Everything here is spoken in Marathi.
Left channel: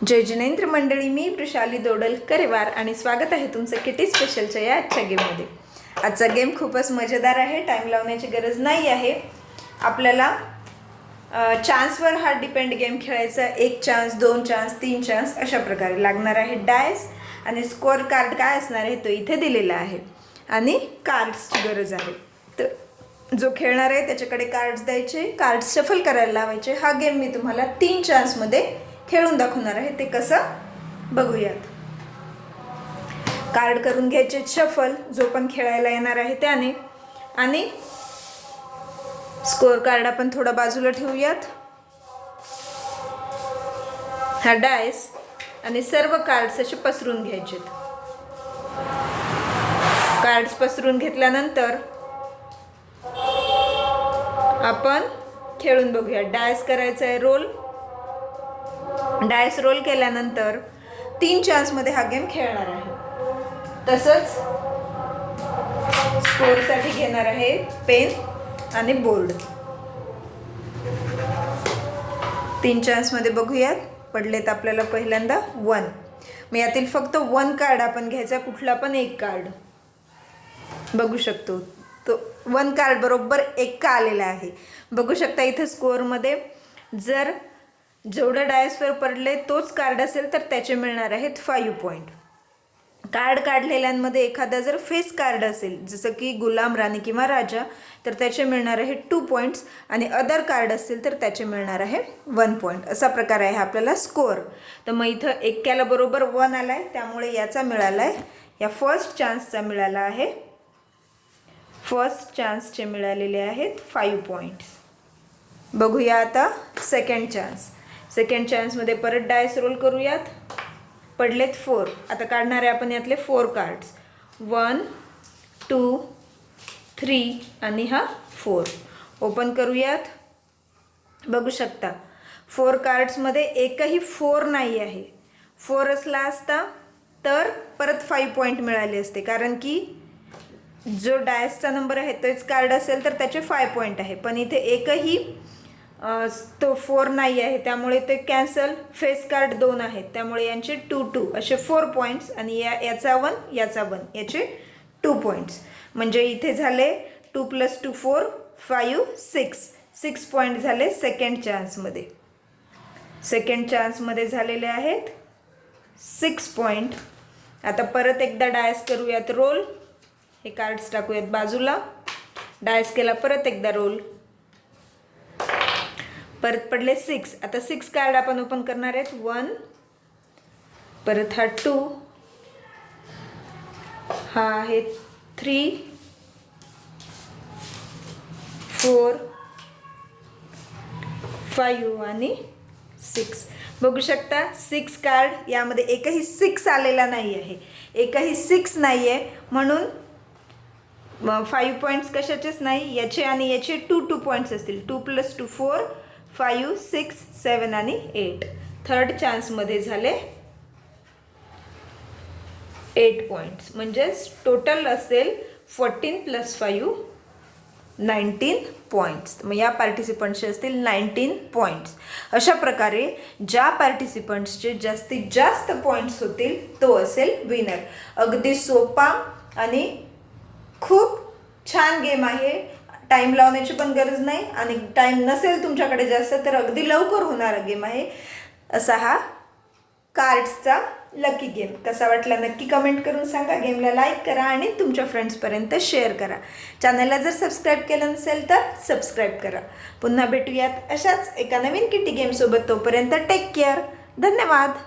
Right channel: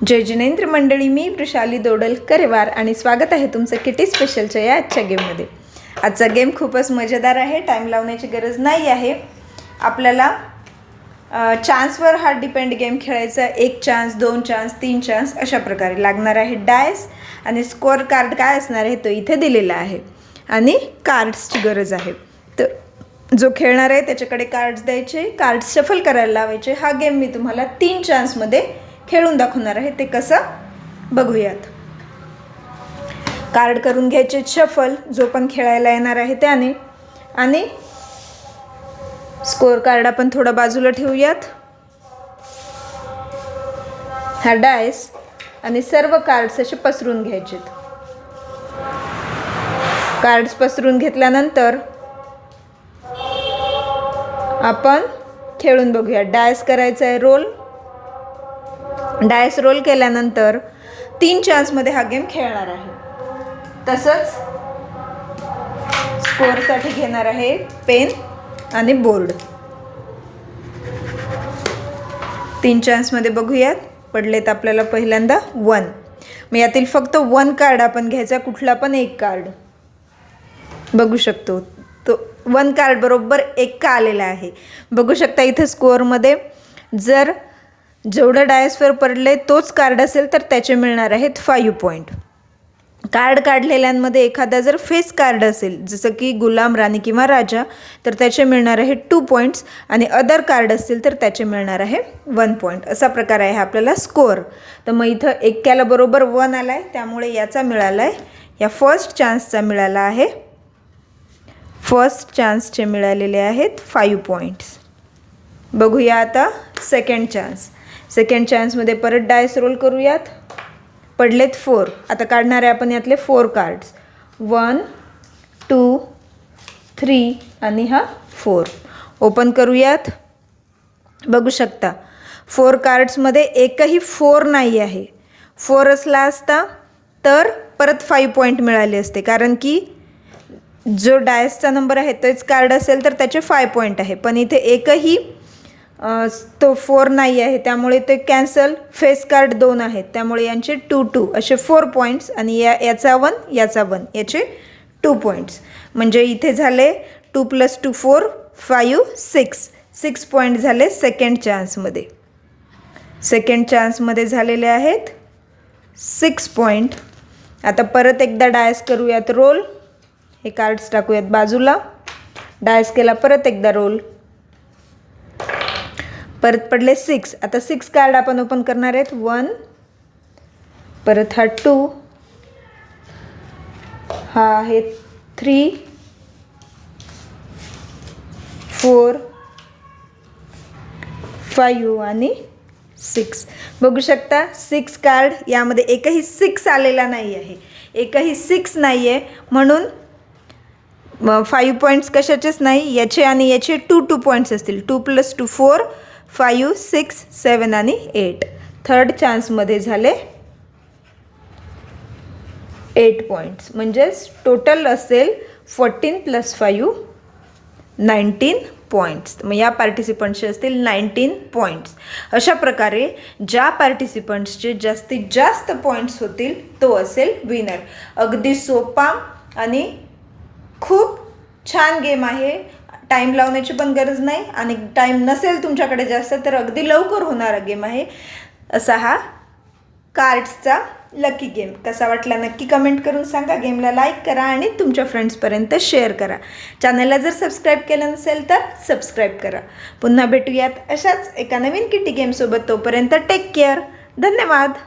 जय जिनेंद्र मंडळी, मी वृषाली दोडल करेवार आणि स्वागत आहे तुमचं किटी स्पेशलच्या या आजच्या गेममध्ये। आजचा गेम खूपच मजेदार आहे, टाईम लावण्याची गरज नाही आहे। आपल्याला चान्सवर हा डिपेंड गेम खेळायचा। 1 चान्स, 2 चान्स, 3 चान्स अशा प्रकारे लागणार आहे डायस आणि स्कोअर कार्ड काय असणार आहे तो इथे दिलेला आहे आणि कार्ड्सची गरज आहे। तर जो खेळणार आहे त्याच्याकडे कार्ड्स द्यायचे, कार्ड्स शफल करायला लावायचे। हा गेम मी तुम्हाला 3 चान्समध्ये खेळून दाखवणार आहे, ते कसं बघूयात। कार्ड करून घ्यायचे शफल जो पण खेळायला येणार आहे त्याने, आणि स्कोअर कार्ड आपण थोडं बाजूला ठेवूयात। हा डायस आणि सर्व कार्ड्स असे पसरून घ्यायचे। कार्ड्स पसरून घेतल्यानंतर आपण खेळून बघूया। डायस करायचा आहे रोल। डायस रोल केल्यानंतर 3 चान्समध्ये हा गेम खेळणार आहे। तसंच स्कोअरसाठी घेणार आहे पेन आणि बोर्ड। 3 चान्समध्ये बघूयात, पडलेत आपल्याला पहिल्यांदा 1। मग यातील फक्त 1 कार्ड आपण घ्यायचा, कुठला पण एक कार्ड बघू शकतो। तो 1 कार्ड बरोबर 1 का आलेला आहे बघू शकता इथे स्कोअरमध्ये। जर जेवढं डायसवर पडले तोच कार्ड असेल तर त्याचे मिळणार आहेत 5 पॉईंट। कार्ड काढलेल्यांमध्ये एखादा जर फेस कार्ड असेल, जसं की गुलाम, राणी किंवा राजा, तर त्याचे मिळणार आहे 2 पॉईंट्स, आणि अदर कार्ड असतील तर त्याचे मिळणार आहे 1 पॉईंट। असा प्रकार आहे आपल्याला स्कोअर। तर मग इथं एक्क्याला बरोबर 1 आला आहे, त्यामुळे याचा मिळाला आहे, या फर्स्ट चान्सचा मिळाला आहे। फर्स्ट चान्सचे मिळालेले आहेत 5 पॉईंट्स। बघूया आता सेकंड चान्स। सेकंड चान्समध्ये परत डायस रोल करूयात। पडलेत 4। आता काढणार आहे आपण यातले 4 कार्ड्स, 1 2 3 आणि हा 4। ओपन करूयात। बघू शकता 4 कार्ड्समध्ये एकही 4 नाही आहे। 4 असला असता तर परत 5 पॉईंट मिळाले असते, कारण की जो डायसचा नंबर आहे तोच कार्ड असेल तर त्याचे 5 पॉईंट आहे। पण इथे एकही तो 4 नाही आहे, त्यामुळे ते कॅन्सल। फेस कार्ड 2 आहेत, त्यामुळे यांचे 2 2 असे 4 पॉईंट्स, आणि याचा 1 याचा 1 याचे 2 पॉईंट्स। म्हणजे इथे झाले 2 + 2 4 5 6 पॉईंट झाले सेकंड चान्समध्ये। सेकंड चान्समध्ये झालेले आहेत 6 पॉईंट। आता परत एकदा डायस करूयात रोल। हे कार्ड्स टाकूयात बाजूला। डायस केला परत एकदा रोल, परत पडले 6। आता 6 कार्ड आपण ओपन करणार आहेत। 1, परत हा 2, हा आहे 3 4 5 आणि 6। बघू शकता 6 कार्ड, यामध्ये एकही 6 आलेला नाही आहे, एकही 6 नाही आहे, म्हणून 5 पॉईंट्स कशाचेच नाही। याचे आणि याचे 2 2 पॉईंट्स असतील। 2 + 2 4 5 6 7 आणि 8। थर्ड चान्समध्ये झाले 8 पॉईंट्स, म्हणजेच टोटल असेल 14 + 5 19 पॉईंट्स। मग या पार्टिसिपंट्सचे असतील 19 पॉईंट्स। अशा प्रकारे ज्या पार्टिसिपंट्सचे जास्तीत जास्त पॉईंट्स होतील तो असेल विनर। अगदी सोपा आणि खूप छान गेम आहे। टाईम लावण्याची पण गरज नाही, आणि टाईम नसेल तुमच्याकडे जास्त तर अगदी लवकर होणारा गेम आहे असा हा कार्ड्सचा लकी गेम। कसा वाटला नक्की कमेंट करून सांगा। गेमला लाईक करा आणि तुमच्या फ्रेंड्सपर्यंत शेअर करा। चॅनलला जर सबस्क्राईब केलं नसेल तर सबस्क्राईब करा। पुन्हा भेटूयात अशाच एका नवीन किटी गेमसोबत। तोपर्यंत टेक केअर। धन्यवाद।